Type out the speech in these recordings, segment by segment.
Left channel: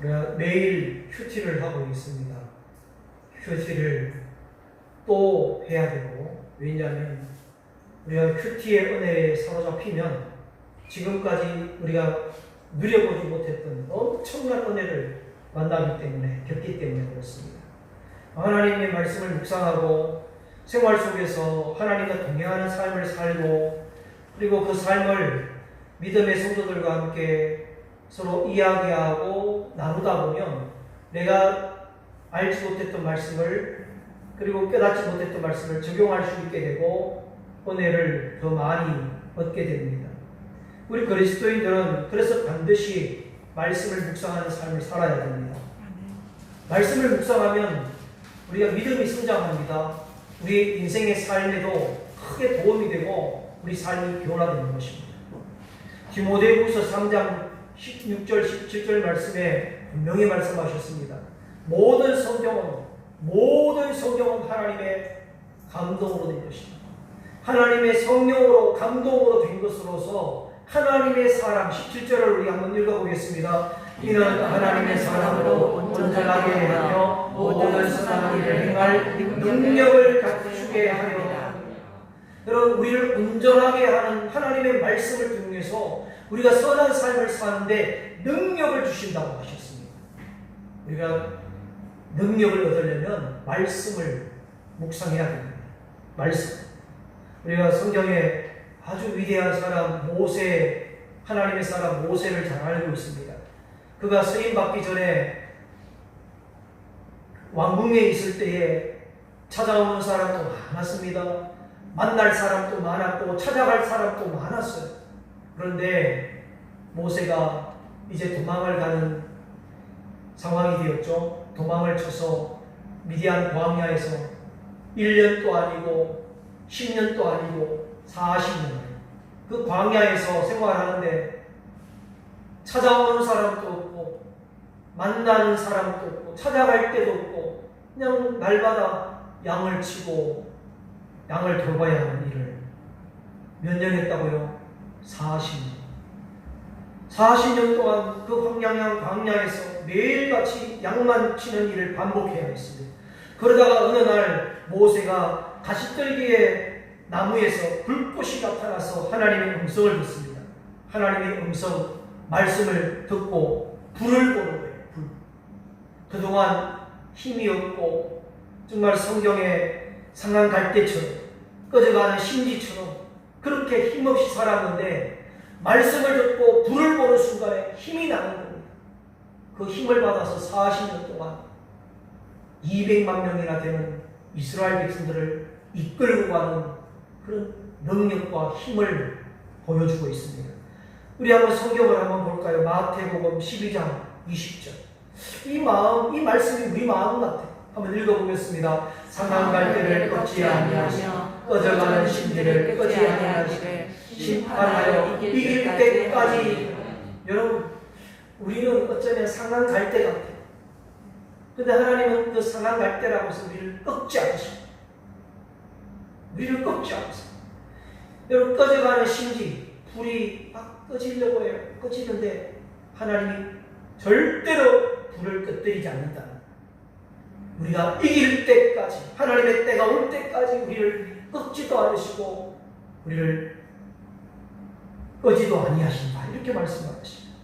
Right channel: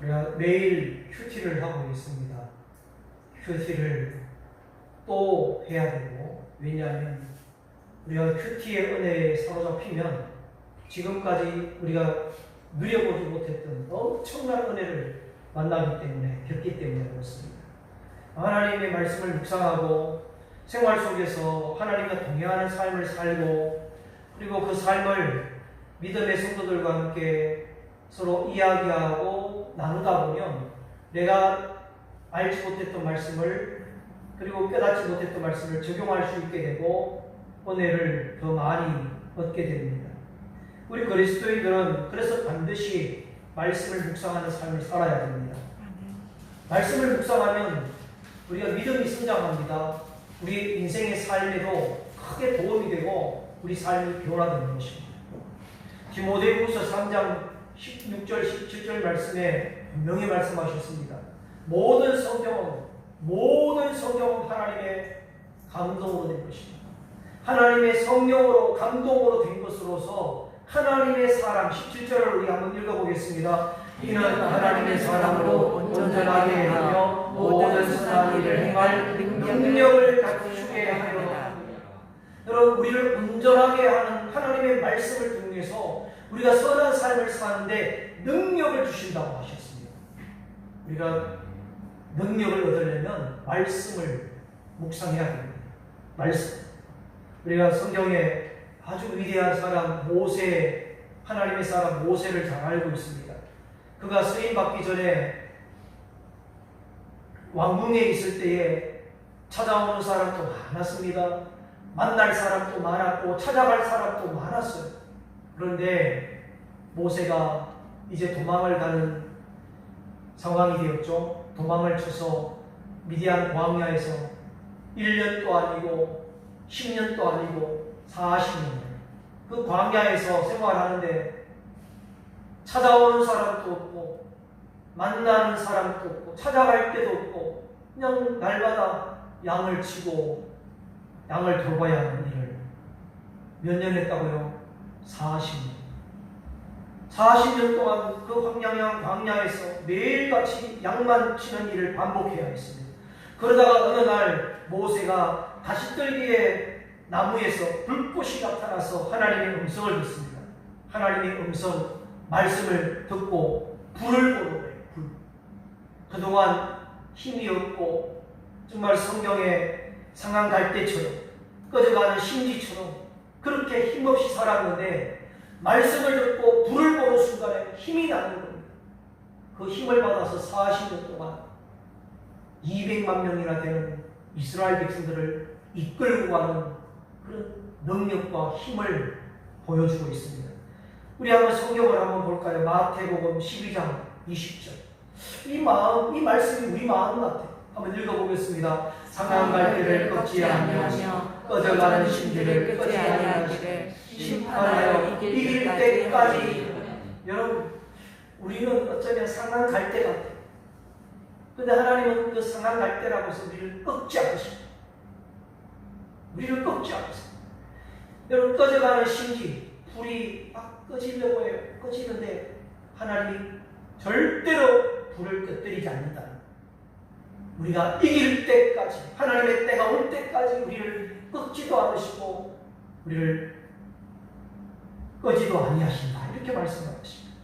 우리가 매일 큐티를 하고 있습니다. 큐티를 또 해야 되고, 왜냐하면 우리가 큐티의 은혜에 사로잡히면 지금까지 우리가 누려보지 못했던 엄청난 은혜를 만나기 때문에, 겪기 때문에 그렇습니다. 하나님의 말씀을 묵상하고 생활 속에서 하나님과 동행하는 삶을 살고, 그리고 그 삶을 믿음의 성도들과 함께 서로 이야기하고 나누다 보면 내가 알지 못했던 말씀을, 그리고 깨닫지 못했던 말씀을 적용할 수 있게 되고 은혜를 더 많이 얻게 됩니다. 우리 그리스도인들은 그래서 반드시 말씀을 묵상하는 삶을 살아야 됩니다. 말씀을 묵상하면 우리가 믿음이 성장합니다. 우리 인생의 삶에도 크게 도움이 되고 우리 삶이 변화되는 것입니다. 디모데후서 3장 16절 17절 말씀에 분명히 말씀하셨습니다. 모든 성경은 하나님의 감동으로 된 것입니다. 하나님의 성령으로 감동으로 된 것으로서 하나님의 사람, 17절을 우리 한번 읽어보겠습니다. 이는 하나님의 사람으로 온전하게 하며 모든 선한 일을 행할 능력을 갖추게 하려. 여러분, 우리를 온전하게 하는 하나님의 말씀을 통해서 우리가 선한 삶을 사는데 능력을 주신다고 하셨습니다. 우리가 능력을 얻으려면 말씀을 묵상해야 됩니다. 말씀. 우리가 성경에 아주 위대한 사람 모세, 하나님의 사람 모세를 잘 알고 있습니다. 그가 쓰임 받기 전에 왕궁에 있을 때에 찾아오는 사람도 많았습니다. 만날 사람도 많았고 찾아갈 사람도 많았어요. 그런데 모세가 이제 도망을 가는 상황이 되었죠. 도망을 쳐서 미디안 광야에서 1년도 아니고 10년도 아니고 40년 그 광야에서 생활하는데 찾아오는 사람도 없고 만나는 사람도 없고 찾아갈 데도 없고 그냥 날마다 양을 치고 양을 돌봐야 하는 일을 몇 년 했다고요? 40년. 40년 동안 그 황량한 광야에서 매일같이 양만 치는 일을 반복해야 했습니다. 그러다가 어느 날 모세가 가시떨기에 나무에서 불꽃이 나타나서 하나님의 음성을 듣습니다. 하나님의 음성, 말씀을 듣고 불을 보는 거예요. 불. 그동안 힘이 없고 정말 성경에 상한 갈대처럼 꺼져가는 심지처럼 그렇게 힘없이 살았는데 말씀을 듣고 불을 보는 순간에 힘이 나는 겁니다. 그 힘을 받아서 40년 동안 200만 명이나 되는 이스라엘 백성들을 이끌고 가는 그런 능력과 힘을 보여주고 있습니다. 우리 한번 성경을 한번 볼까요? 마태복음 12장 20절. 이 말씀이 우리 마음 같아요. 한번 읽어보겠습니다. 상한 갈대를 꺾지 아니하며 꺼져가는 심지를 끄지 아니하기를 심판하여 이길 때까지. 여러분, 우리는 어쩌면 상한 갈대 같아요. 근데 하나님은 그 상한 갈대라고 해서 우리를 꺾지 않으십니다. 우리를 꺾지 않으세요. 여러분, 꺼져가는 심지, 불이 막 꺼지려고 해요. 꺼지는데 하나님이 절대로 불을 꺼뜨리지 않는다. 우리가 이길 때까지, 하나님의 때가 올 때까지 우리를 꺾지도 않으시고 우리를 꺼지도 아니하신다. 이렇게 말씀하십니다.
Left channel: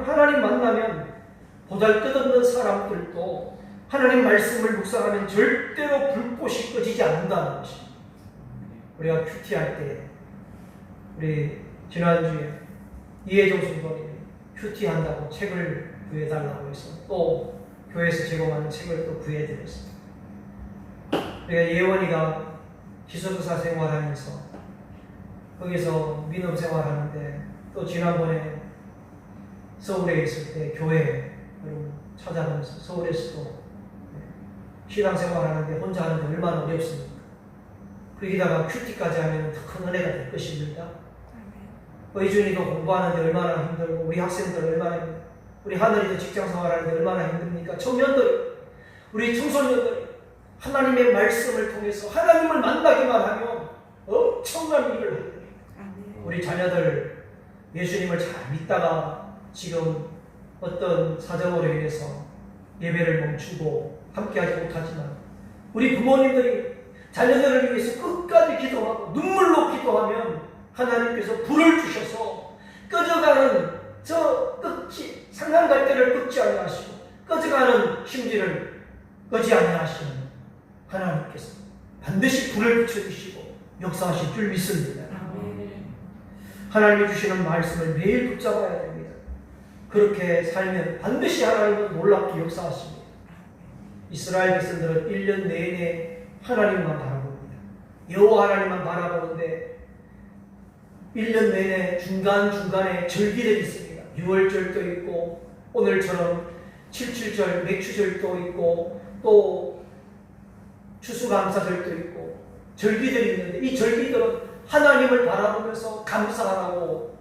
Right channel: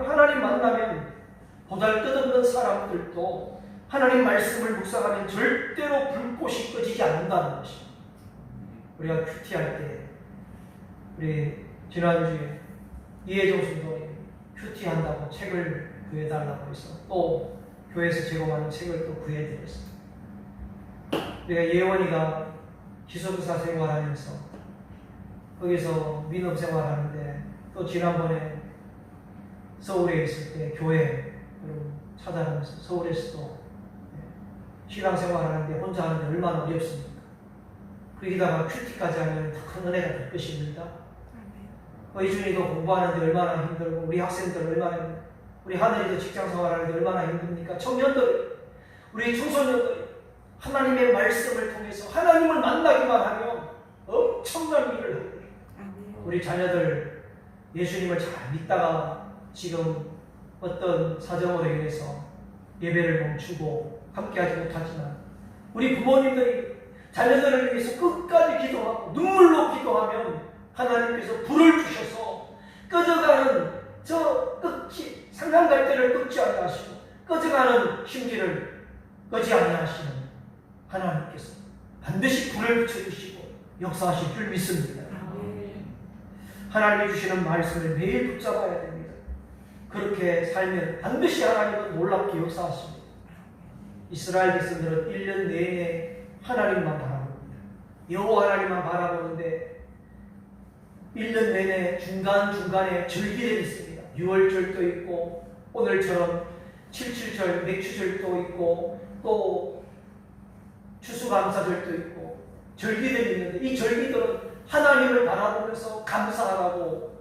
하나님 만나면 보잘것없는 사람들도 하나님 말씀을 묵상하면 절대로 불꽃이 꺼지지 않는다는 것입니다. 우리가 큐티할 때, 우리 지난주에 이혜정 성도님이 큐티한다고 책을 구해달라고 해서 또 교회에서 제공하는 책을 또 구해드렸습니다. 우리가 예원이가 기숙사 생활하면서 거기서 민업 생활하는데 또 지난번에 서울에 있을 때 교회 찾아가면서 서울에서도 신앙 생활하는데 혼자 하는데 얼마나 어렵습니까? 거기다가 큐티까지 하면 더 큰 은혜가 될 것입니다. 의준이도 공부하는데 얼마나 힘들고 우리 학생들 얼마나 힘들고 우리 하늘이도 직장 생활하는데 얼마나 힘듭니까? 청년들, 우리 청소년들 하나님의 말씀을 통해서 하나님을 만나기만 하면 엄청난 일을 합니다. 우리 자녀들 예수님을 잘 믿다가 지금 어떤 사정으로 인해서 예배를 멈추고 함께하지 못하지만 우리 부모님들이 자녀들을 위해서 끝까지 기도하고 눈물로 기도하면 하나님께서 불을 주셔서 꺼져가는 저 끝이 상한 갈대를 끄지 아니하시고 꺼져가는 심지를 끄지 아니하시는 하나님께서 반드시 불을 붙여주시고 역사하실 줄 믿습니다. 하나님이 주시는 말씀을 매일 붙잡아야 됩니다. 그렇게 살면 반드시 하나님은 놀랍게 역사하십니다. 이스라엘 백성들은 1년 내내 하나님만 바라봅니다. 여호와 하나님만 바라보는데 1년 내내 중간중간에 절기들이 있습니다. 6월절도 있고 오늘처럼 77절, 맥추절도 있고 또 추수감사절도 있고 절기들이 있는데 이 절기들은 하나님을 바라보면서 감사하라고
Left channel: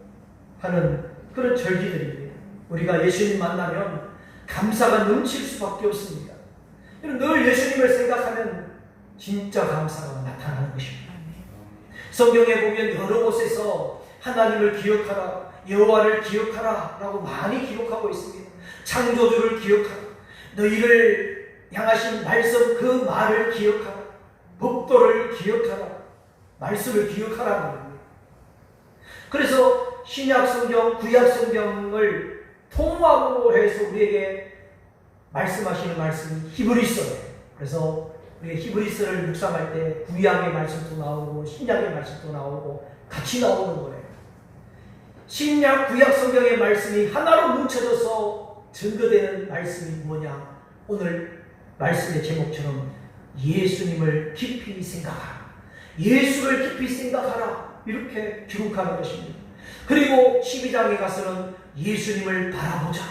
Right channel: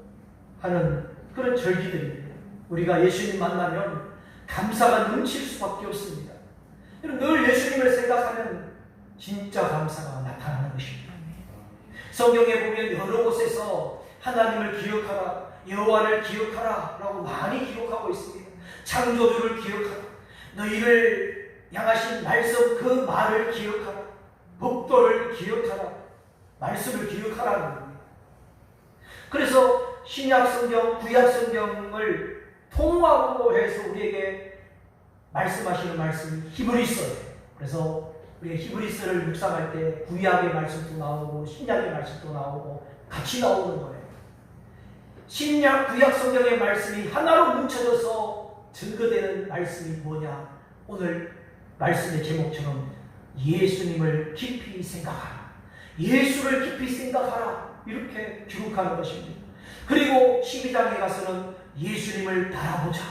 하는 그런 절기들입니다. 우리가 예수님 만나면 감사가 넘칠 수밖에 없습니다. 늘 예수님을 생각하면 진짜 감사가 나타나는 것입니다. 성경에 보면 여러 곳에서 하나님을 기억하라, 여호와를 기억하라 라고 많이 기록하고 있습니다. 창조주를 기억하라, 너희를 향하신 말씀 그 말을 기억하라, 법도를 기억하라, 말씀을 기억하라는 겁니다. 그래서 신약 성경, 구약 성경을 통합으로 해서 우리에게 말씀하시는 말씀이 히브리서예요. 그래서 우리 히브리서를 묵상할 때 구약의 말씀도 나오고 신약의 말씀도 나오고 같이 나오는 거예요. 신약, 구약 성경의 말씀이 하나로 뭉쳐져서 증거되는 말씀이 뭐냐? 오늘 말씀의 제목처럼 예수님을 깊이 생각하라, 예수를 깊이 생각하라 이렇게 기록하는 것입니다. 그리고 12장에 가서는 예수님을 바라보자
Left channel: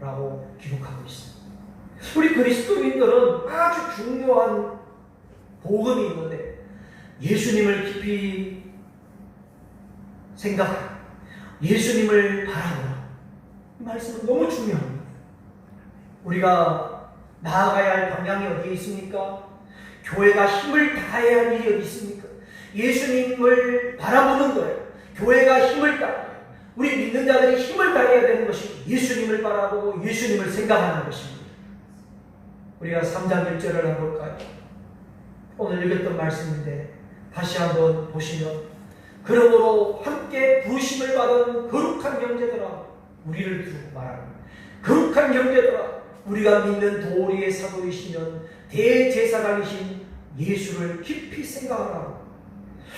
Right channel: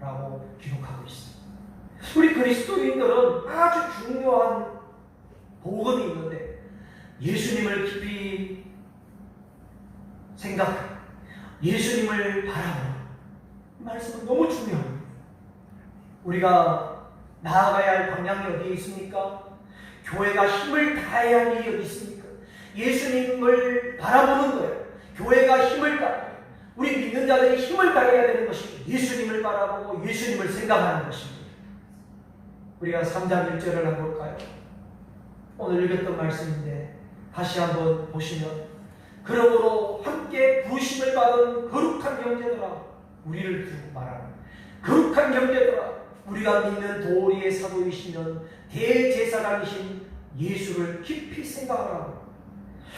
라고 기록하고 있습니다. 우리 그리스도인들은 아주 중요한 복음이 있는데 예수님을 깊이 생각하라, 예수님을 바라보라, 이 말씀은 너무 중요합니다. 우리가 나아가야 할 방향이 어디에 있습니까? 교회가 힘을 다해야 할 일이 어디 있습니까? 예수님을 바라보는 거예요. 교회가 힘을 다해야, 우리 믿는 자들이 힘을 다해야 되는 것이 예수님을 바라보고 예수님을 생각하는 것입니다. 우리가 3장 1절을 한번 볼까요? 오늘 읽었던 말씀인데 다시 한번 보시면, 그러므로 함께 부으심을 받은 거룩한 형제들아, 우리를 두고 말하는 거룩한 형제들아, 우리가 믿는 도리의 사도이시면 대제사장이신 예수를 깊이 생각하라고.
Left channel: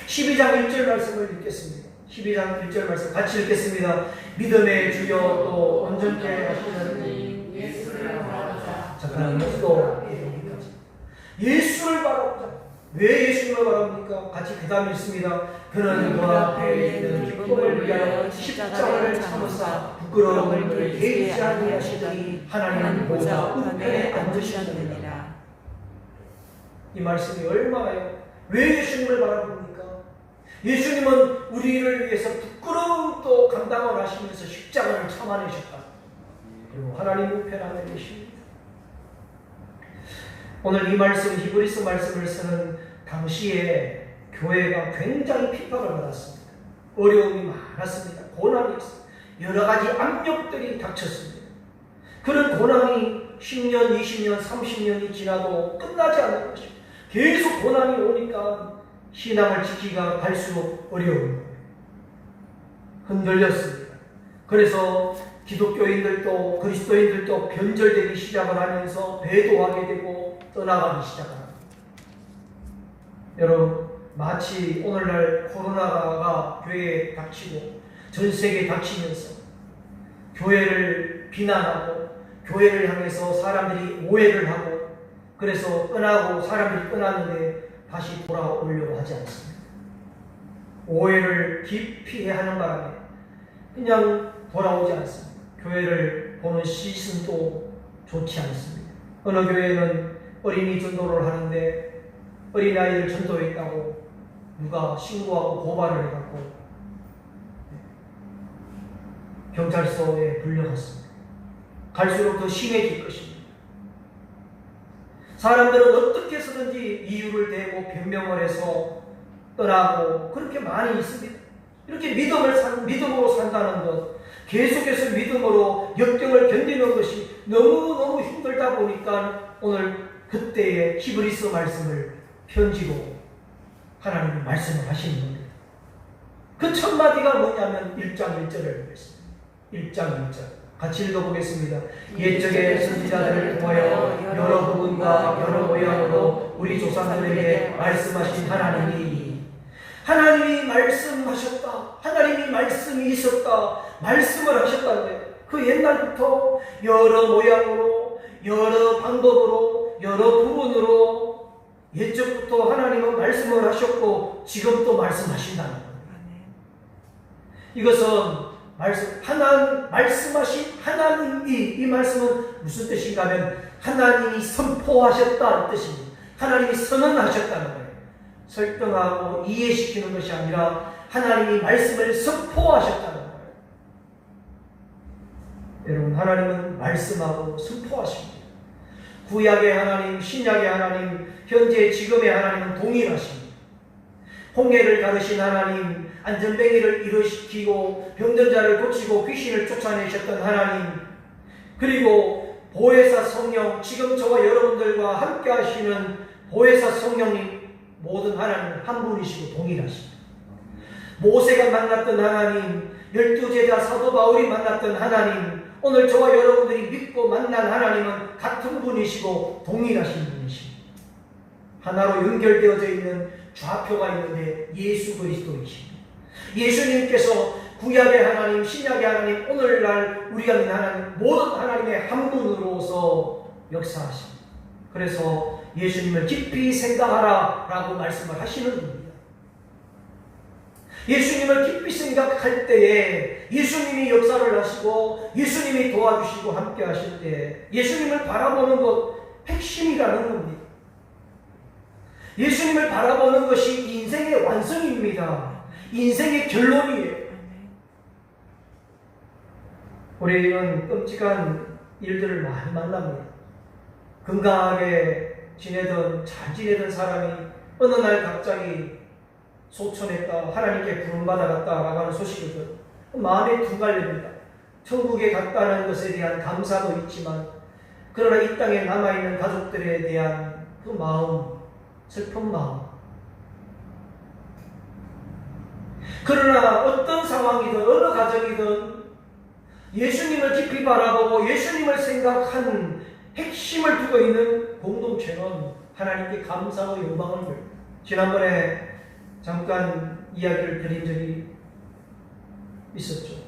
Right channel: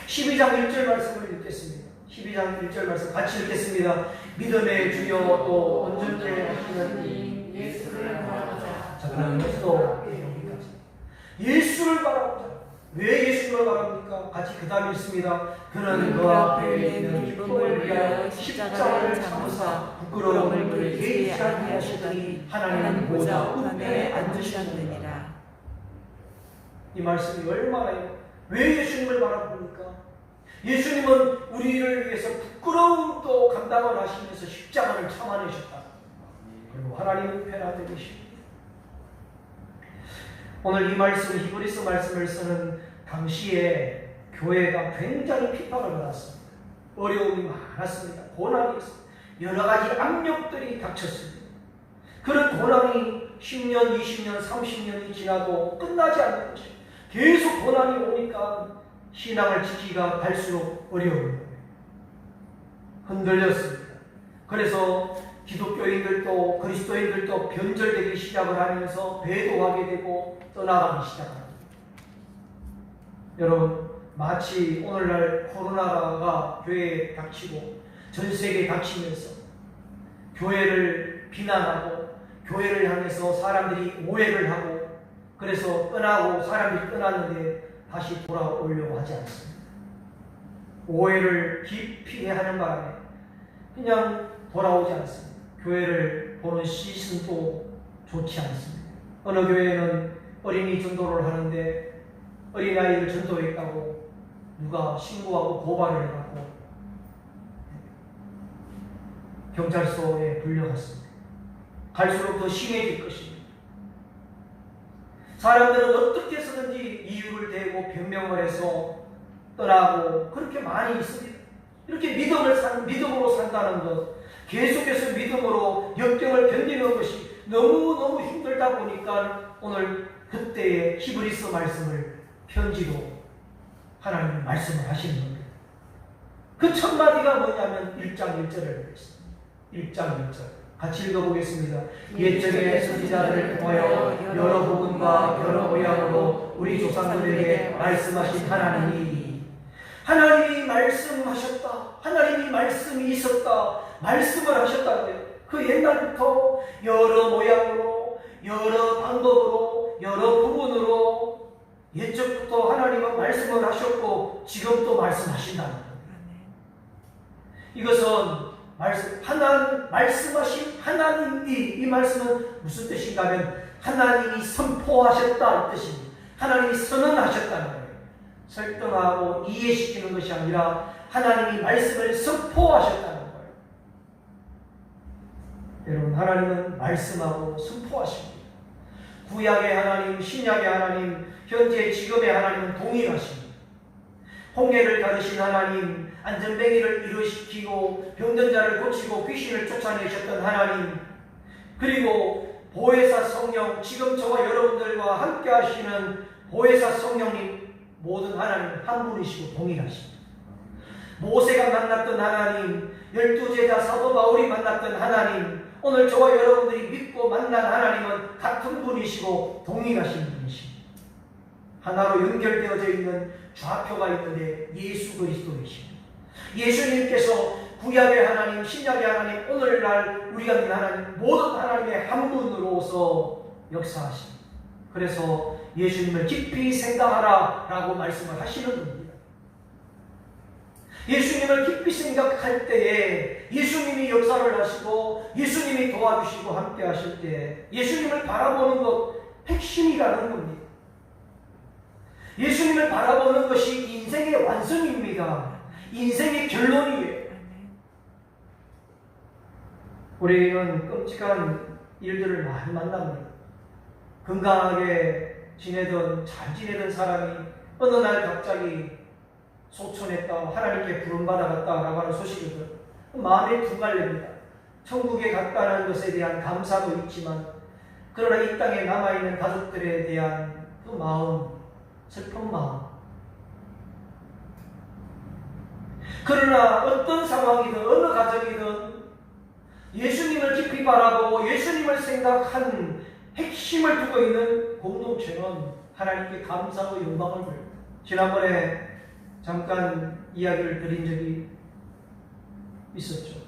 12장 1절 말씀을 읽겠습니다. 12장 1절 말씀 같이 읽겠습니다. 믿음의 주여 또 온전케 하시는 예수를 바라보자. 자, 그럼 여기서 여기까지 예수를 바라보자. 왜 예수님을 바랍니까? 같이 그 다음 읽습니다. 그는 그 앞에 있는 기쁨을 위하여 십자가를 참으사 부끄러움을 그에게 아니하시더니 하나님 보좌 우편에 앉으셨느니라. 이 말씀이 얼마나요? 왜 예수님을 바라봅니까? 예수님은 우리를 위해서 부끄러움도 감당을 하시면서 십자가를 참아내셨다. 그리고 하나님 우편 안에 계십니다. 오늘 이 말씀, 히브리서 말씀을 쓰는 당시에 교회가 굉장히 핍박을 받았습니다. 어려움이 많았습니다. 고난이 있습니다. 여러 가지 압력들이 닥쳤습니다. 그런 고난이 10년, 20년, 30년이 지나도 끝나지 않는 것입니다. 계속 고난이 오니까 신앙을 지키기가 갈수록 어려운, 흔들렸습니다. 그래서 기독교인들도 그리스도인들도 변절되기 시작을 하면서 배도하게 되고 떠나가기 시작합니다. 여러분, 마치 오늘날 코로나가 교회에 닥치고 전 세계에 닥치면서 교회를 비난하고 교회를 향해서 사람들이 오해를 하고 그래서 떠나고 사람들이 떠났는데 다시 돌아오려고 하지 않습니다. 오해를 깊이 하는 바람에 그냥 돌아오지 않습니다. 교회를 보는 시선도 좋지 않습니다. 어느 교회는 어린이 전도를 하는데 어린아이를 전도했다고 누가 신고하고 고발을 해갖고 경찰서에 불려갔습니다. 갈수록 더 심해질 것입니다. 사람들은 어떻게 해서든지 이유를 대고 변명을 해서 떠나고 그렇게 많이 있습니다. 이렇게 믿음으로 산다는 것, 계속해서 믿음으로 역경을 견디는 것이 너무너무 힘들다 보니까 오늘 그때의 히브리서 말씀을 편지로 하나님이 말씀을 하시는 겁니다. 그 첫 마디가 뭐냐면 1장 1절을 보겠습니다. 1장 1절 같이 읽어보겠습니다. 옛적의 선지자들을 통하여 여러 복음과 여러 모양으로 우리 조상들에게 말씀하신 하나님이 말씀하셨다. 하나님이 말씀이 있었다. 말씀을 하셨다는 거예요. 그 옛날부터 여러 모양으로 여러 방법으로 여러 부분으로 옛적부터 하나님은 말씀을 하셨고 지금 또 말씀하신다는 거예요. 이것은 말씀하신 하나님이, 이 말씀은 무슨 뜻인가 하면 하나님이 선포하셨다는 뜻입니다. 하나님이 선언하셨다는 거예요. 설득하고 이해시키는 것이 아니라 하나님이 말씀을 선포하셨다는 거예요. 여러분, 하나님은 말씀하고 선포하십니다. 구약의 하나님, 신약의 하나님, 현재 지금의 하나님은 동일하십니다. 홍해를 가르신 하나님, 안전뱅이를 일어시키고 병든 자를 고치고 귀신을 쫓아내셨던 하나님, 그리고 보혜사 성령, 지금 저와 여러분들과 함께 하시는 보혜사 성령님, 모든 하나님 한 분이시고 동일하십니다. 모세가 만났던 하나님, 12제자 사도 바울이 만났던 하나님, 오늘 저와 여러분들이 믿고 만난 하나님은 같은 분이시고 동일하신 분이십니다. 하나로 연결되어져 있는 좌표가 있는데 예수 그리스도이십니다. 예수님께서 구약의 하나님, 신약의 하나님, 오늘날 우리가 믿는 하나님, 모든 하나님의 한 분으로서 역사하십니다. 그래서 예수님을 깊이 생각하라 라고 말씀을 하시는 분입니다. 예수님을 깊이 생각할 때에 예수님이 역사를 하시고 예수님이 도와주시고 함께 하실 때 예수님을 바라보는 것 핵심이라는 겁니다. 예수님을 바라보는 것이 인생의 완성입니다. 인생의 결론이에요. 우리는 끔찍한 일들을 많이 만납니다. 건강하게 지내던, 잘 지내던 사람이 어느 날 갑자기 소천했다, 하나님께 부름받아갔다라고 하는 소식을 들어요. 마음에 두갈립니다. 천국에 갔다는 것에 대한 감사도 있지만, 그러나 이 땅에 남아있는 가족들에 대한 그 마음, 슬픈 마음. 그러나 어떤 상황이든 어느 가정이든 예수님을 깊이 바라보고 예수님을 생각한 핵심을 두고 있는 공동체는 하나님께 감사와 영광을 돌립니다. 지난번에 잠깐 이야기를 드린 적이 있었죠.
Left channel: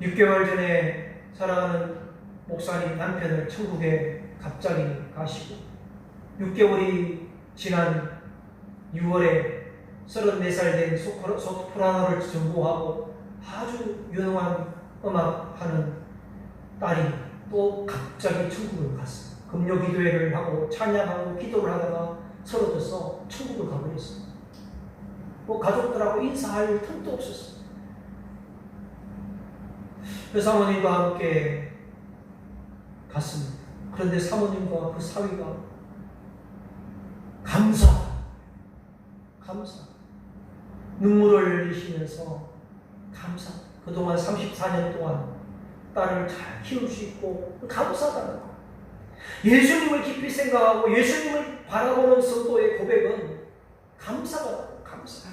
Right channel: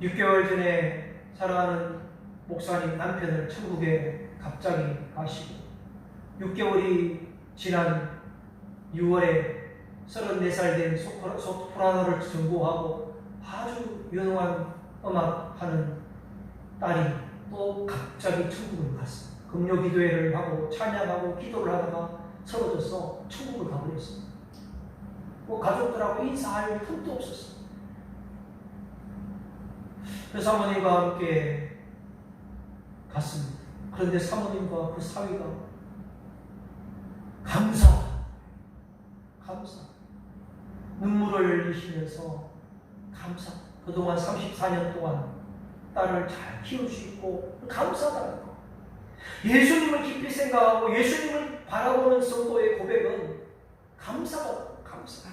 6개월 전에 사랑하는 목사님 남편을 천국에 갑자기 가시고 6개월이 지난 6월에 34살 된 소프라노를 전공하고 아주 유능한 음악하는 딸이 또 갑자기 천국을 갔어요. 금요 기도회를 하고 찬양하고 기도를 하다가 쓰러져서 천국을 가버렸어요. 가족들하고 인사할 틈도 없었어요. 그 사모님과 함께 갔습니다. 그런데 사모님과 그 사위가 감사 눈물을 흘리시면서 감사, 그동안 34년 동안 딸을 잘 키울 수 있고 감사하다는 거. 예수님을 깊이 생각하고 예수님을 바라보는 성도의 고백은 감사다. 감사.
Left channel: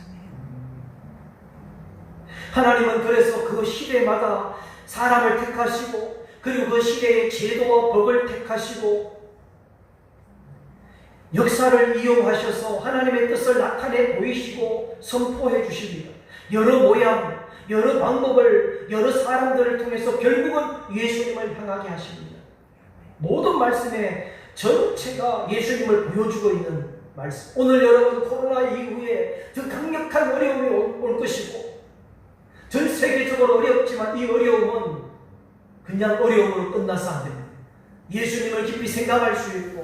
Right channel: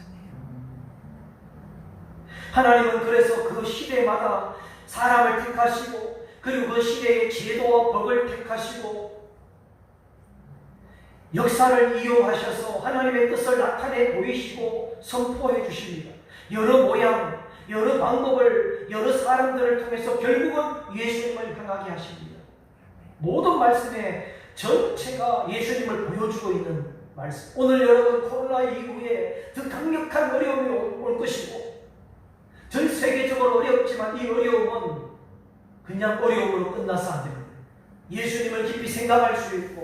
하나님은 그래서 그 시대마다 사람을 택하시고 그리고 그 시대의 제도와 법을 택하시고 역사를 이용하셔서 하나님의 뜻을 나타내 보이시고 선포해 주십니다. 여러 모양, 여러 방법을, 여러 사람들을 통해서 결국은 예수님을 향하게 하십니다. 모든 말씀의 전체가 예수님을 보여주고 있는 말씀. 오늘 여러분 코로나 이후에 더 강력한 어려움이 올 것이고 전 세계적으로 어렵지만 이 어려움은 그냥 어려움으로 끝나서 안 됩니다. 예수님을 깊이 생각할 수 있고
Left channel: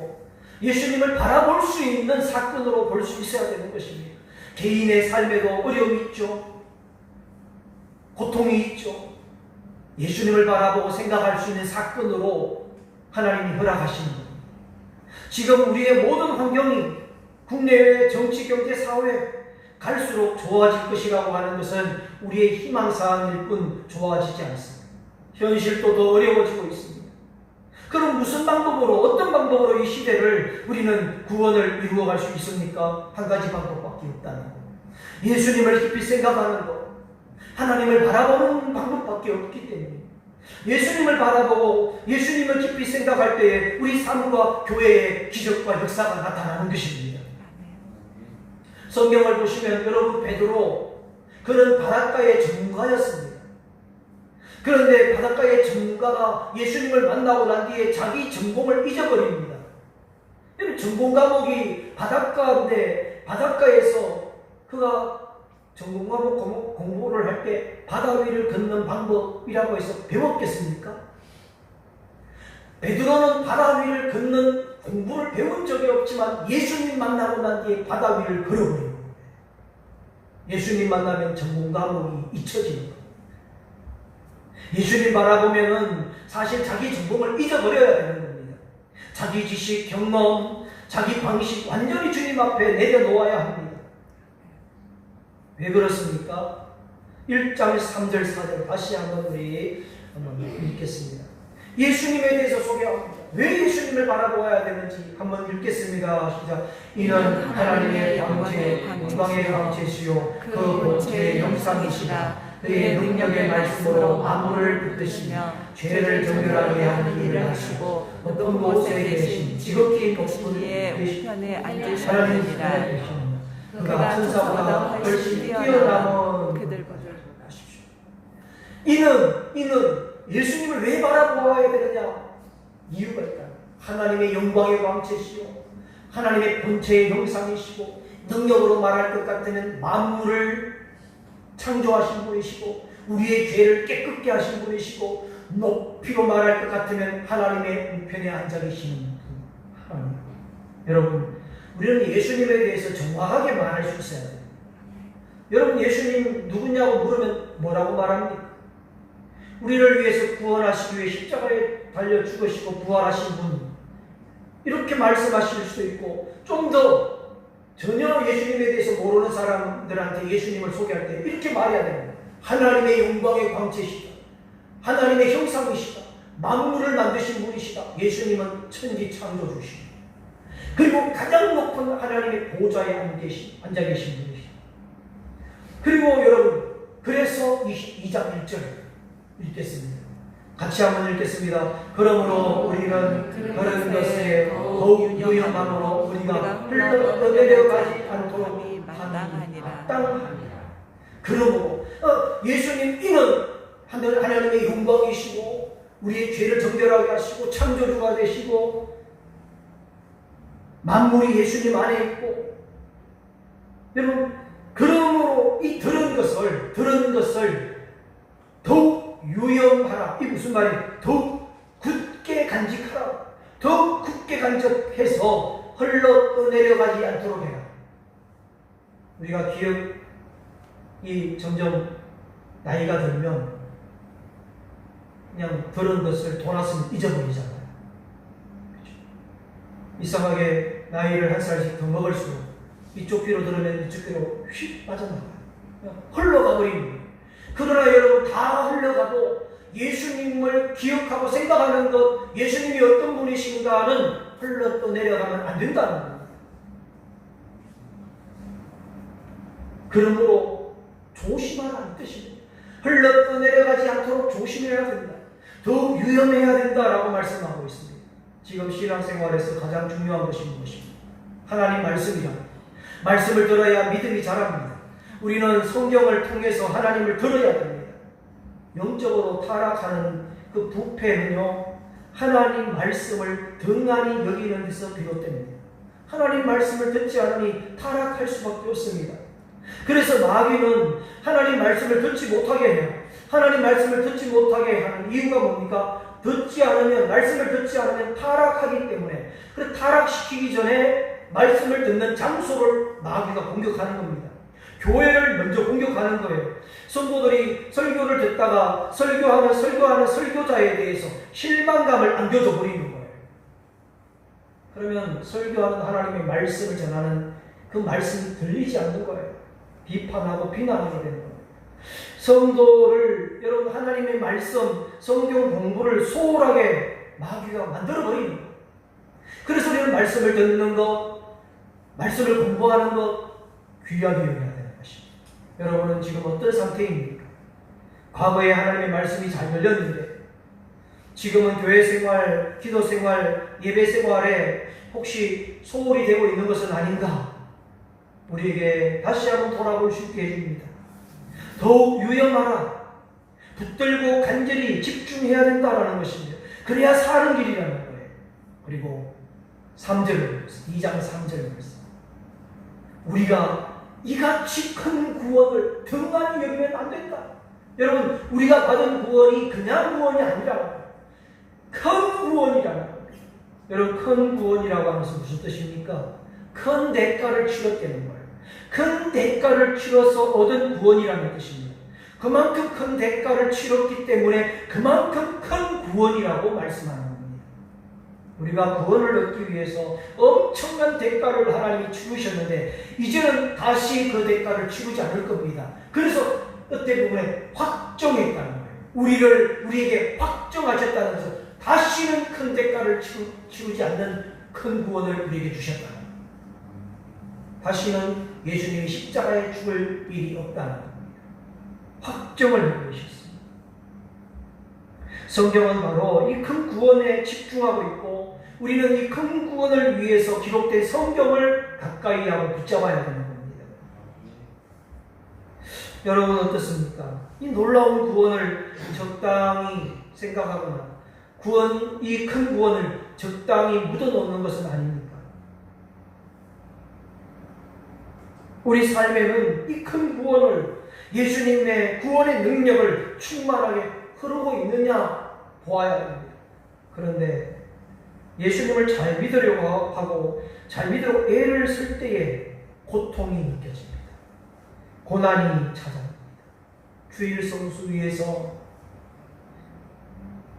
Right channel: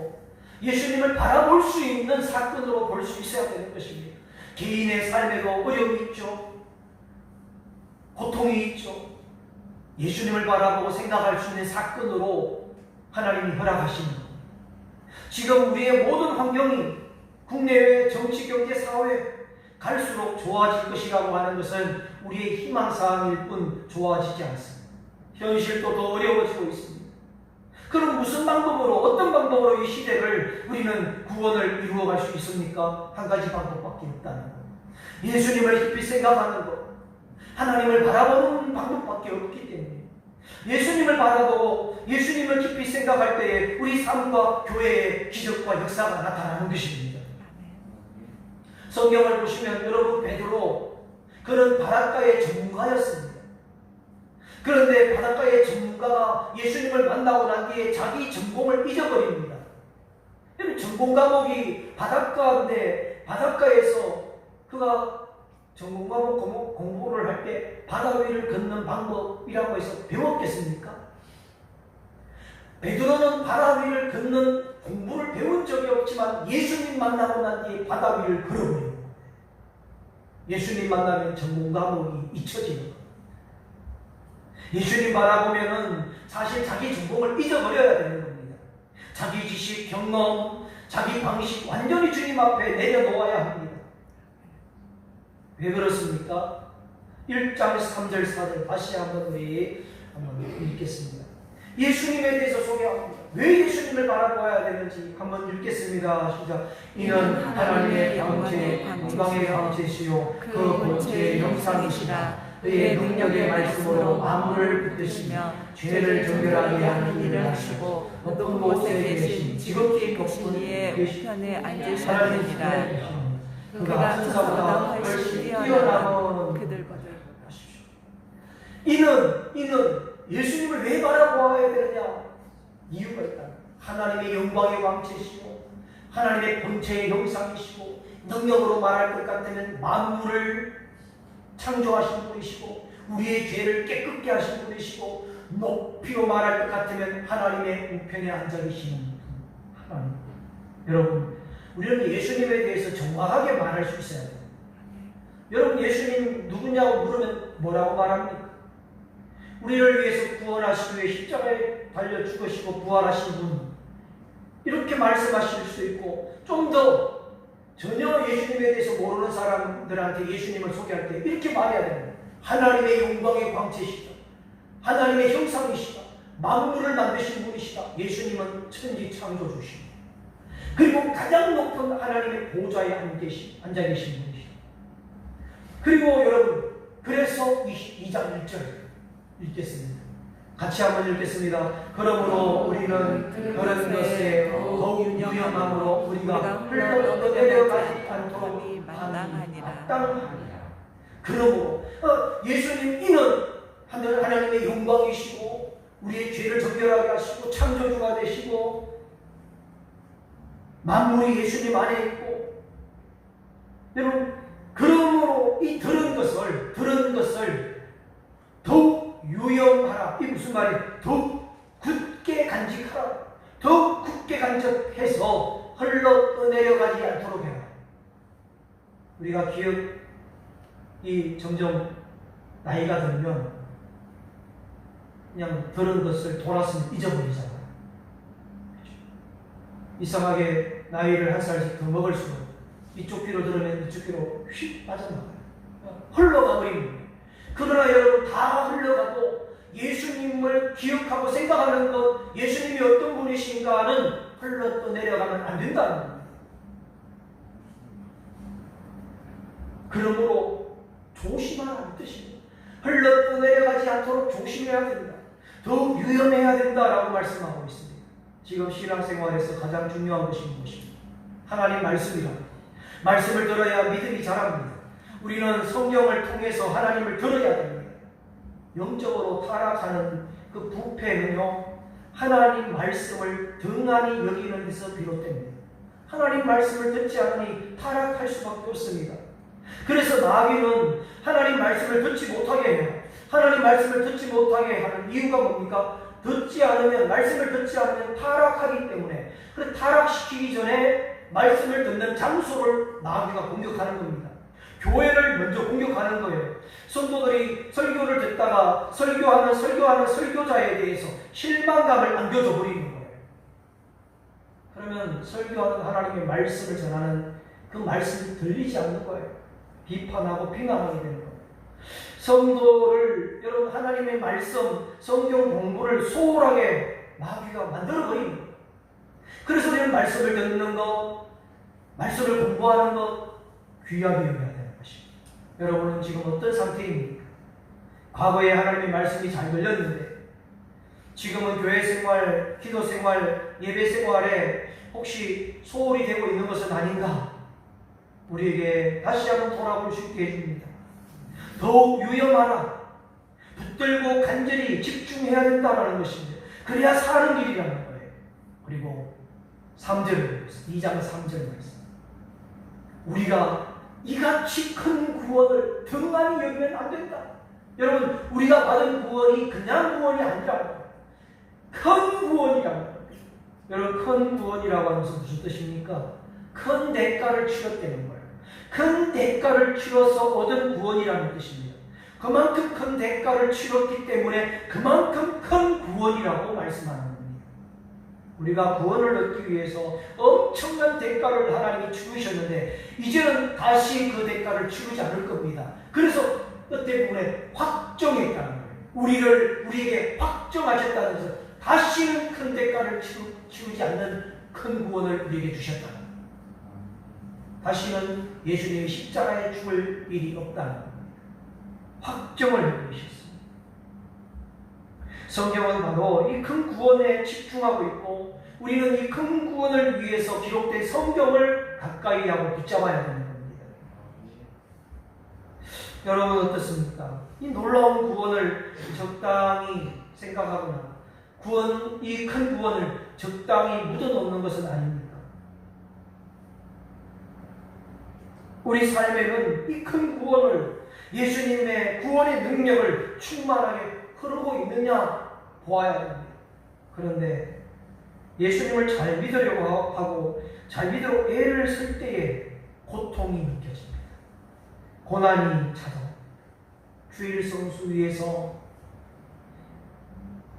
예수님을 바라볼 수 있는 사건으로 볼 수 있어야 되는 것입니다. 개인의 삶에도 어려움이 있죠. 고통이 있죠. 예수님을 바라보고 생각할 수 있는 사건으로 하나님이 허락하시는 겁니다. 지금 우리의 모든 환경이 국내외 정치, 경제, 사회 갈수록 좋아질 것이라고 하는 것은 우리의 희망사항일 뿐 좋아지지 않습니다. 현실도 더 어려워지고 있습니다. 그럼 무슨 방법으로, 어떤 방법으로 이 시대를 우리는 구원을 이루어갈 수 있습니까? 한 가지 방법밖에 없다는 것. 예수님을 깊이 생각하는 것, 하나님을 바라보는 방법밖에 없기 때문에 예수님을 바라보고 예수님을 깊이 생각할 때에 우리 삶과 교회의 기적과 역사가 나타나는 것입니다. 성경을 보시면 여러분, 베드로, 그는 바닷가의 전문가였습니다. 그런데 바닷가의 전문가가 예수님을 만나고 난 뒤에 자기 전공을 잊어버립니다. 전공 과목이 바닷가인데 바닷가에서 그가 전공 과목 공부를 할 때 바다 위를 걷는 방법이라고 해서 배웠겠습니까? 베드로는 바다 위를 걷는 공부를 배운 적이 없지만 예수님 만나고 난 뒤에 바다 위를 걸어버리는 거예요. 예수님 만나면 전공 과목이 잊혀지는 거예요. 예수님 바라보면은 사실 자기 전공을 잊어버려야 되는 겁니다. 자기 지식, 경험, 자기 방식 완전히 주님 앞에 내려놓아야 합니다. 왜 그렇습니까? 1장 3절 4절 다시 한번 우리 읽겠습니다. 예수님에 대해서 소개합니다. 왜 예수님을 바라보아야 되는지 한번 읽겠습니다. 시작. 이는 하나님의 영광의 광채시요 그 본체의 형상이시라. 그의 능력의 말씀으로 만물을 붙드시며 죄를 정결하게 하는 일을 하시고 높은 곳에 계신 지극히 크신 이의 우편에 앉으셨느니라. 그가 천사보다 훨씬 뛰어나면 그들보다. 이는 예수님을 왜 바라보아야 되느냐? 이유가 있다. 하나님의 영광의 광채시요 하나님의 본체의 형상이시고 능력으로 말할 것 같으면 만물을 창조하신 분이시고 우리의 죄를 깨끗게 하신 분이시고 높이로 말할 것 같으면 하나님의 우편에 앉아 계시는 하나님. 여러분, 우리는 예수님에 대해서 정확하게 말할 수 있어야 돼요. 여러분, 예수님 누구냐고 물으면 뭐라고 말합니까? 우리를 위해서 구원하시기 위해 십자가에 달려 죽으시고 부활하신 분, 이렇게 말씀하실 수도 있고, 좀 더 전혀 예수님에 대해서 모르는 사람들한테 예수님을 소개할 때 이렇게 말해야 됩니다. 하나님의 영광의 광채시다. 하나님의 형상이시다. 만물을 만드신 분이시다. 예수님은 천지 창조주시다. 그리고 가장 높은 하나님의 보좌에 앉아 계신 분이시다. 그리고 여러분, 그래서 2장 1절 읽겠습니다. 같이 한번 읽겠습니다. 그러므로 우리는 그런 것에 더욱 유념함으로 우리가 흘러내려가지 않도록 마땅하니라. 그러므로 예수님 이는 하나님의 영광이시고 우리의 죄를 정결하게 하시고 창조주가 되시고 만물이 예수님 안에 있고, 여러분, 그러므로 이 들은 것을 더욱 유념하라. 이 무슨 말이에요? 더욱 굳게 간직하라. 더욱 굳게 간직해서 흘러 떠내려가지 않도록 해라. 우리가 기억이 점점 나이가 들면 그냥 들은 것을 돌았으면 잊어버리잖아요. 그렇죠? 이상하게 나이를 한 살씩 더 먹을수록 이쪽 귀로 들으면 이쪽 귀로 휙 빠져나가요. 흘러가 버린 거예요. 그러나 여러분, 다 흘러가도 예수님을 기억하고 생각하는 것, 예수님이 어떤 분이신가는 흘러 떠내려가면 안 된다는 겁니다. 그러므로 조심하라는 뜻입니다. 흘러 떠내려가지 않도록 조심해야 됩니다. 더욱 유념해야 된다라고 말씀하고 있습니다. 지금 신앙생활에서 가장 중요한 것이 무엇입니까? 하나님 말씀이라. 말씀을 들어야 믿음이 자랍니다. 우리는 성경을 통해서 하나님을 들어야 됩니다. 영적으로 타락하는 그 부패는요, 하나님 말씀을 등한히 여기는 데서 비롯됩니다. 하나님 말씀을 듣지 않으니 타락할 수밖에 없습니다. 그래서 마귀는 하나님 말씀을 듣지 못하게 해요. 하나님 말씀을 듣지 못하게 하는 이유가 뭡니까? 말씀을 듣지 않으면 타락하기 때문에, 그래서 타락시키기 전에 말씀을 듣는 장소를 마귀가 공격하는 겁니다. 교회를 먼저 공격하는 거예요. 성도들이 설교를 듣다가 설교하는 설교자에 대해서 실망감을 안겨줘 버리는 거예요. 그러면 설교하는 하나님의 말씀을 전하는 그 말씀이 들리지 않는 거예요. 비판하고 비난하게 되는 거예요. 성도를 여러분 하나님의 말씀, 성경 공부를 소홀하게 마귀가 만들어버립니다. 그래서 우리는 말씀을 듣는 것, 말씀을 공부하는 것 귀하게 여겨야 되는 것입니다. 여러분은 지금 어떤 상태입니까? 과거에 하나님의 말씀이 잘 열렸는데 지금은 교회 생활, 기도 생활, 예배 생활에 혹시 소홀히 되고 있는 것은 아닌가? 우리에게 다시 한번 돌아볼 수 있게 해줍니다. 더욱 유념하라. 붙들고 간절히 집중해야 된다는 것입니다. 그래야 사는 길이라는 거예요. 그리고 3절, 2장 3절 말씀. 우리가 이같이 큰 구원을 등한히 여기면 안 된다. 여러분, 우리가 받은 구원이 그냥 구원이 아니라 큰 구원이라는 거예요. 여러분, 큰 구원이라고 하면서 무슨 뜻입니까? 큰 대가를 치렀다는 거예요. 큰 대가를 치러서 얻은 구원이라는 뜻입니다. 그만큼 큰 대가를 치렀기 때문에 그만큼 큰 구원이라고 말씀하는 겁니다. 우리가 구원을 얻기 위해서 엄청난 대가를 하나님이 치르셨는데 이제는 다시 그 대가를 치르지 않을 겁니다. 그래서 어떻게 보면 확정했다는 거예요. 우리에게 확정하셨다는 것은 다시는 큰 대가를 치르지 않는 큰 구원을 우리에게 주셨다는 거예요. 다시는 예수님이 십자가에 죽을 일이 없다는 겁니다. 확정을 해주셨습니다. 성경은 바로 이 큰 구원에 집중하고 있고 우리는 이 큰 구원을 위해서 기록된 성경을 가까이 하고 붙잡아야 되는 겁니다. 여러분 어떻습니까? 이 놀라운 구원을 적당히 생각하거나 이 큰 구원을 적당히 묻어놓는 것은 아닙니다. 우리 삶에는 이 큰 구원을 예수님의 구원의 능력을 충만하게 흐르고 있느냐 보아야 합니다. 그런데 예수님을 잘 믿으려고 하고 잘 믿으려고 애를 쓸 때에 고통이 느껴집니다. 고난이 찾아옵니다. 주일 성수 위해서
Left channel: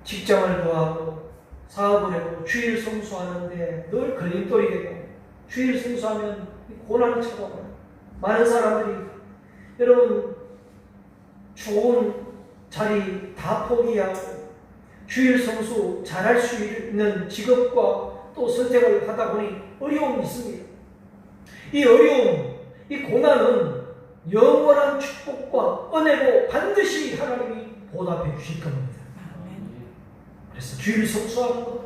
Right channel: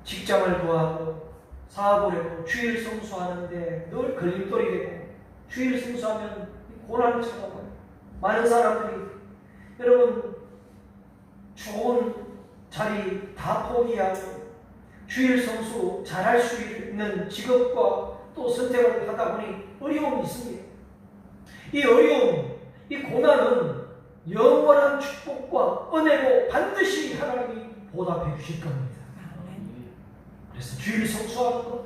직장을 구하고 사업을 하고 주일 성수하는데 늘 걸림돌이 되고 주일 성수하면 고난이 찾아와요. 많은 사람들이 여러분 좋은 자리 다 포기하고 주일 성수 잘할 수 있는 직업과 또 선택을 하다 보니 어려움이 있습니다. 이 어려움, 이 고난은 영원한 축복과 은혜로 반드시 하나님이 보답해 주실 겁니다. 그래서 주일 성수하는 것,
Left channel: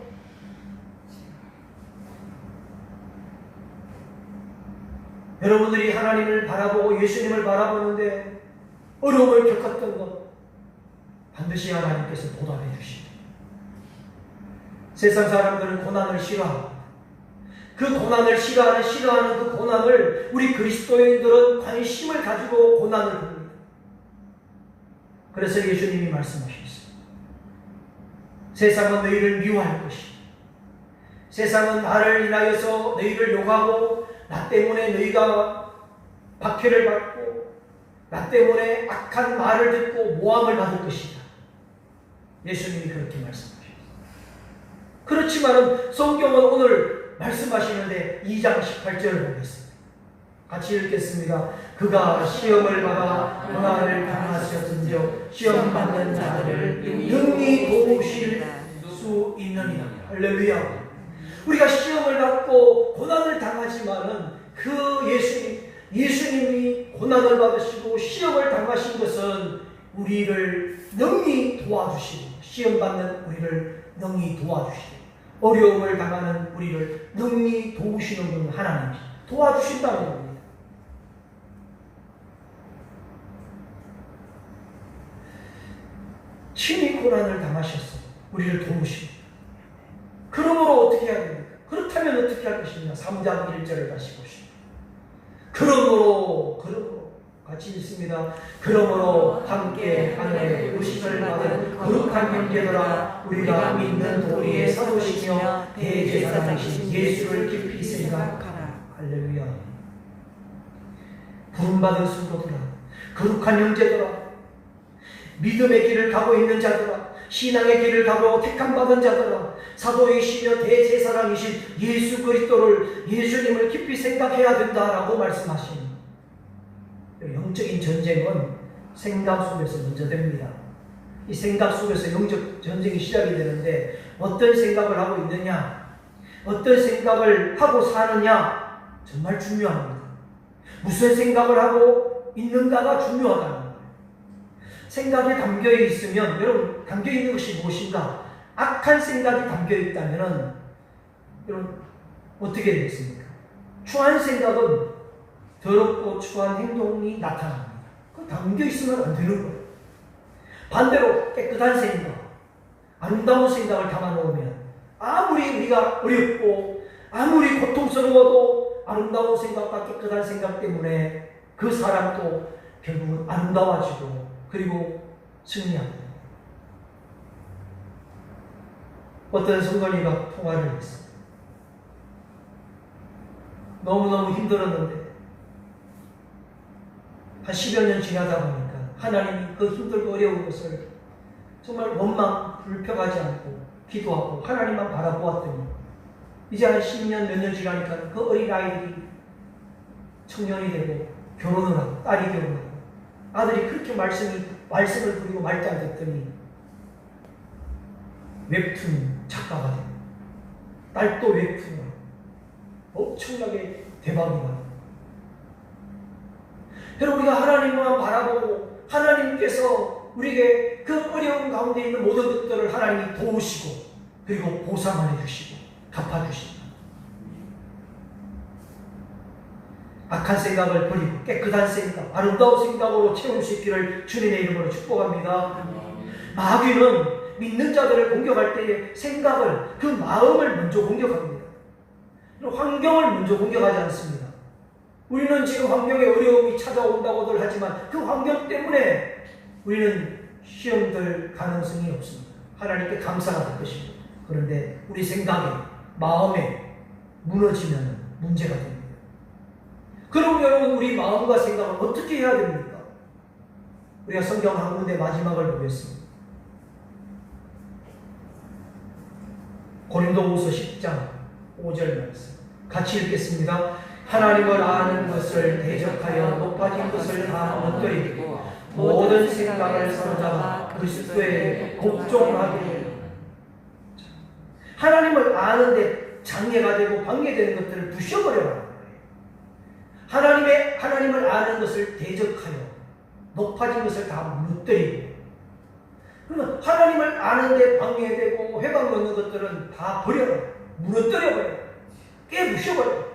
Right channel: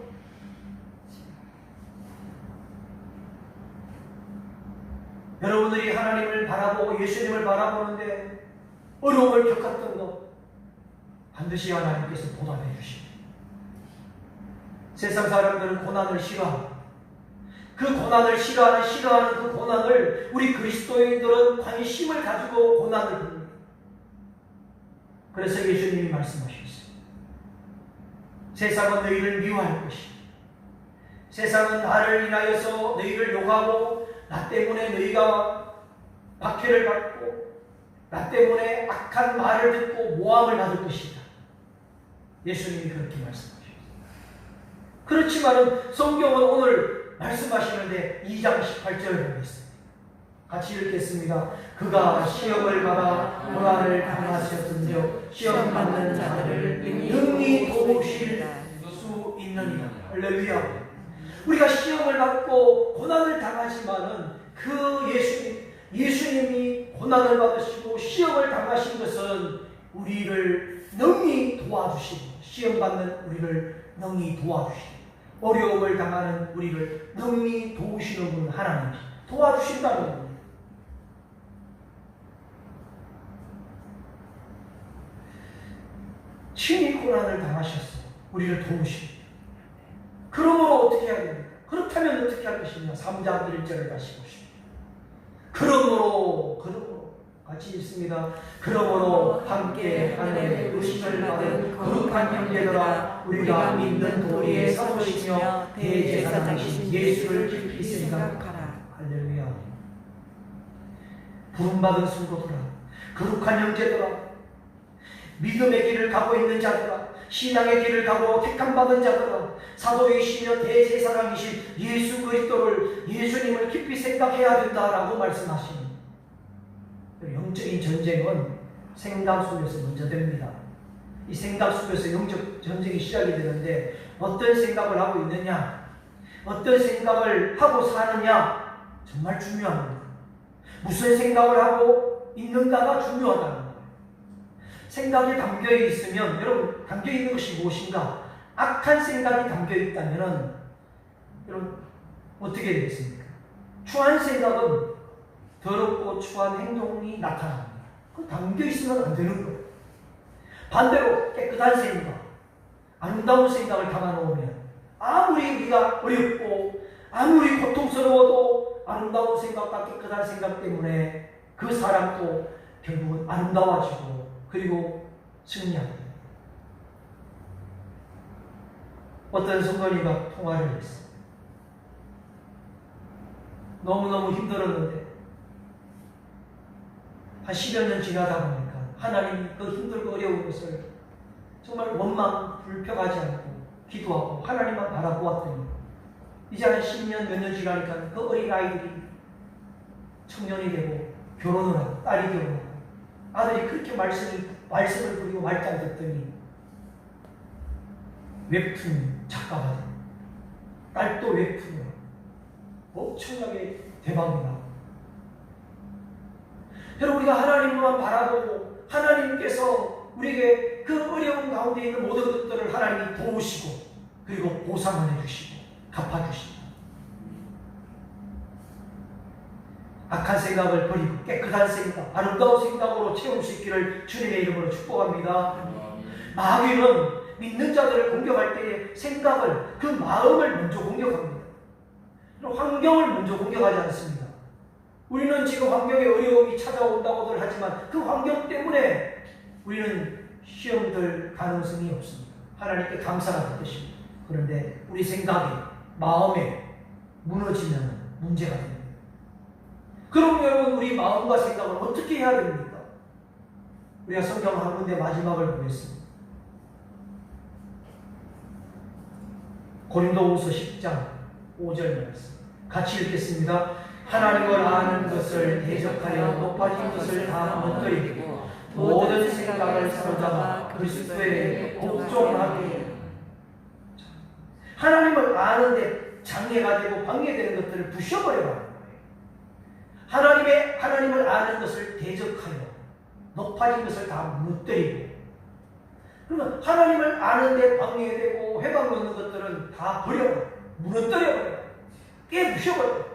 여러분들이 하나님을 바라보고 예수님을 바라보는데 어려움을 겪었던 것 반드시 하나님께서 보답해 주십니다. 세상 사람들은 고난을 싫어합니다. 그 고난을 싫어하는 그 고난을 우리 그리스도인들은 관심을 가지고 고난을 봅니다. 그래서 예수님이 말씀하셨습니다. 세상은 너희를 미워할 것이다. 세상은 나를 인하여서 너희를 욕하고 나 때문에 너희가 박해를 받고 나 때문에 악한 말을 듣고 모함을 받을 것이다. 예수님이 그렇게 말씀하셨습니다. 그렇지만 성경은 오늘 말씀하시는데 2장 18절을 보겠습니다. 같이 읽겠습니다. 그가 시험을 받아 고난을 당하셨은즉 시험 받는 자들을 능히 도우실 수 있느니라. 할렐루야. 우리가 시험을 받고 고난을 당하지만은 그 예수님이 고난을 받으시고 시험을 당하신 것은 우리를 능히 도와주시고 시험 받는 우리를 능히 도와주시고 어려움을 당하는 우리를 능히 도우시는 분 하나님이 도와주신다는 겁니다. 친히 고난을 당하셨어요. 우리를 도우십니다. 그러므로 어떻게 해야 됩니까? 그렇다면 어떻게 할 것이냐? 3장 1절을 다시 보십시오. 그러므로 같이 읽습니다. 그러므로 함께 하늘에 부르심을 받은 거룩한 형제들아 우리가 믿는 도리의 사도이시며 대제사장이신 예수를 깊이 생각하라. 할렐루야. 부름받은 성도들아 거룩한 형제들아 믿음의 길을 가고 있는 자들아 신앙의 길을 가고 택함받은 자들아 사도이시며 대제사장이신 예수 그리스도를 예수님을 깊이 생각해야 된다라고 말씀하십니다. 영적인 전쟁은 생각 속에서 먼저 됩니다. 이 생각 속에서 영적 전쟁이 시작이 되는데 어떤 생각을 하고 있느냐, 어떤 생각을 하고 사느냐 정말 중요합니다. 무슨 생각을 하고 있는가가 중요하다는 거예요. 생각이 담겨 있으면, 여러분, 담겨 있는 것이 무엇인가? 악한 생각이 담겨 있다면 여러분 어떻게 되겠습니까? 추한 생각은 더럽고 추한 행동이 나타납니다. 그거 담겨 있으면 안 되는 거예요. 반대로 깨끗한 생각, 아름다운 생각을 담아놓으면 아무리 우리가 어렵고 아무리 고통스러워도 아름다운 생각과 깨끗한 생각 때문에 그 사람도 결국은 아름다워지고 그리고 승리합니다. 어떤 성도님과 통화를 했어요. 너무너무 힘들었는데 한 10여 년 지나다 보니까 하나님이 그 힘들고 어려운 것을 정말 원망 불평하지 않고 기도하고 하나님만 바라보았더니 이제 한 10년 몇 년 지나니까 그 어린 아이들이 청년이 되고 결혼을 하고 딸이 결혼하고 아들이 그렇게 말씀을 부리고 말지 않았더니 웹툰 작가가 됩니다. 딸도 웹툰을 엄청나게 대박이 나요. 여러분, 우리가 하나님만 바라보고 하나님께서 우리에게 그 어려운 가운데 있는 모든 것들을 하나님이 도우시고 그리고 보상을 해주시고 갚아주십니다. 악한 생각을 버리고 깨끗한 생각, 아름다운 생각으로 채울 수 있기를 주님의 이름으로 축복합니다. 마귀는 믿는 자들을 공격할 때의 생각을, 그 마음을 먼저 공격합니다. 환경을 먼저 공격하지 않습니다. 우리는 지금 환경에 어려움이 찾아온다고들 하지만 그 환경 때문에 우리는 시험될 가능성이 없습니다. 하나님께 감사가 될 것입니다. 그런데 우리 생각에, 마음에 무너지면 문제가 됩니다. 그럼 여러분, 우리 마음과 생각은 어떻게 해야 됩니까? 우리가 성경 한 군데 마지막을 보겠습니다. 고린도후서 10장 5절 말씀 같이 읽겠습니다. 하나님을 아는 것을 대적하여 높아진 것을 다 무너뜨리고 모든 생각을 사로잡아 그리스도에 복종하게. 하나님을 아는데 장애가 되고 방해되는 것들을 부셔버려라. 하나님을 아는 것을 대적하여 높아진 것을 다 무너뜨리고, 그러면 하나님을 아는데 방해되고 해방 놓는 것들은 다 버려라. 무너뜨려버려. 깨부셔버려.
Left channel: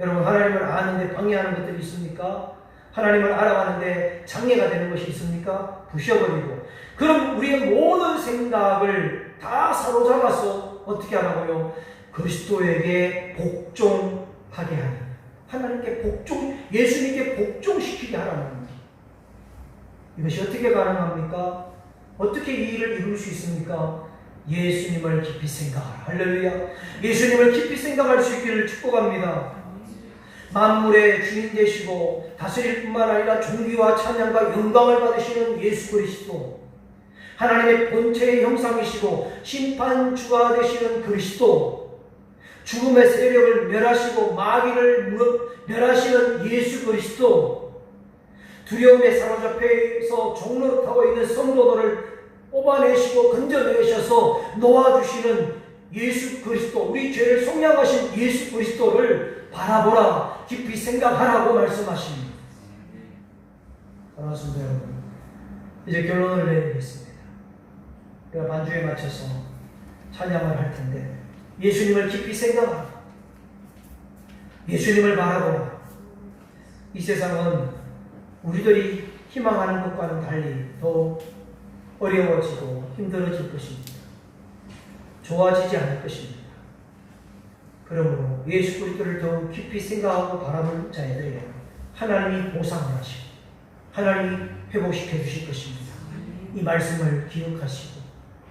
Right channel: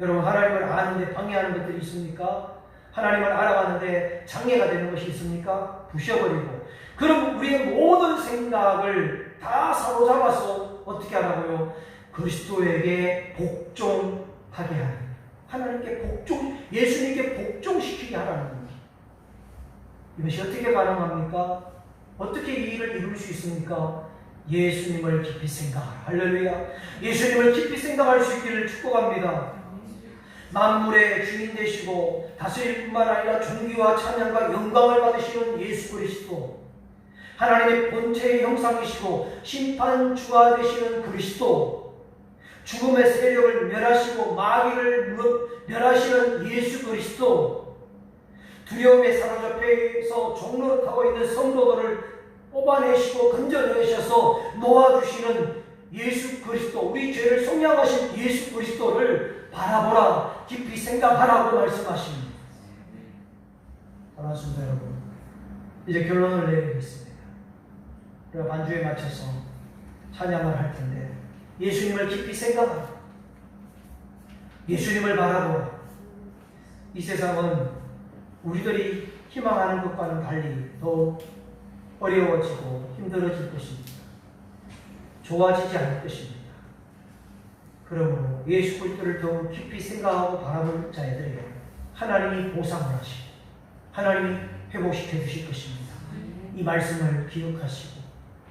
여러분, 하나님을 아는데 방해하는 것들이 있습니까? 하나님을 알아가는데 장애가 되는 것이 있습니까? 부셔버리고. 그럼 우리의 모든 생각을 다 사로잡아서 어떻게 하라고요? 그리스도에게 복종하게 하는, 하나님께 예수님께 복종시키게 하라는 겁니다. 이것이 어떻게 가능합니까? 어떻게 이 일을 이룰 수 있습니까? 예수님을 깊이 생각하라. 할렐루야. 예수님을 깊이 생각할 수 있기를 축복합니다. 만물의 주인 되시고 다스릴 뿐만 아니라 존귀와 찬양과 영광을 받으시는 예수 그리스도, 하나님의 본체의 형상이시고 심판주가 되시는 그리스도, 죽음의 세력을 멸하시고 마귀를 멸하시는 예수 그리스도, 두려움에 사로잡혀서 종로를 타고 있는 성도들을 뽑아내시고 건져내셔서 놓아주시는 예수 그리스도, 우리 죄를 속량하신 예수 그리스도를 바라보라, 깊이 생각하라고 말씀하십니다. 반갑습니다, 여러분. 이제 결론을 내리겠습니다. 우리가 반주에 맞춰서 찬양을 할 텐데, 예수님을 깊이 생각하라. 예수님을 바라보라. 이 세상은 우리들이 희망하는 것과는 달리 더 어려워지고 힘들어질 것입니다. 좋아지지 않을 것입니다. 그러므로 예수 그리스도를 더욱 깊이 생각하고 바라볼 자들에게 하나님이 보상을 하시고 하나님이 회복시켜 주실 것입니다. 이 말씀을 기억하시고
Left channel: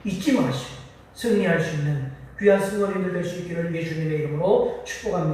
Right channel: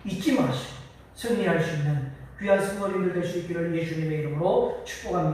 잊지 마시고 승리할 수 있는 귀한 승리인들 될 수 있기를 예수님의 이름으로 축복합니다.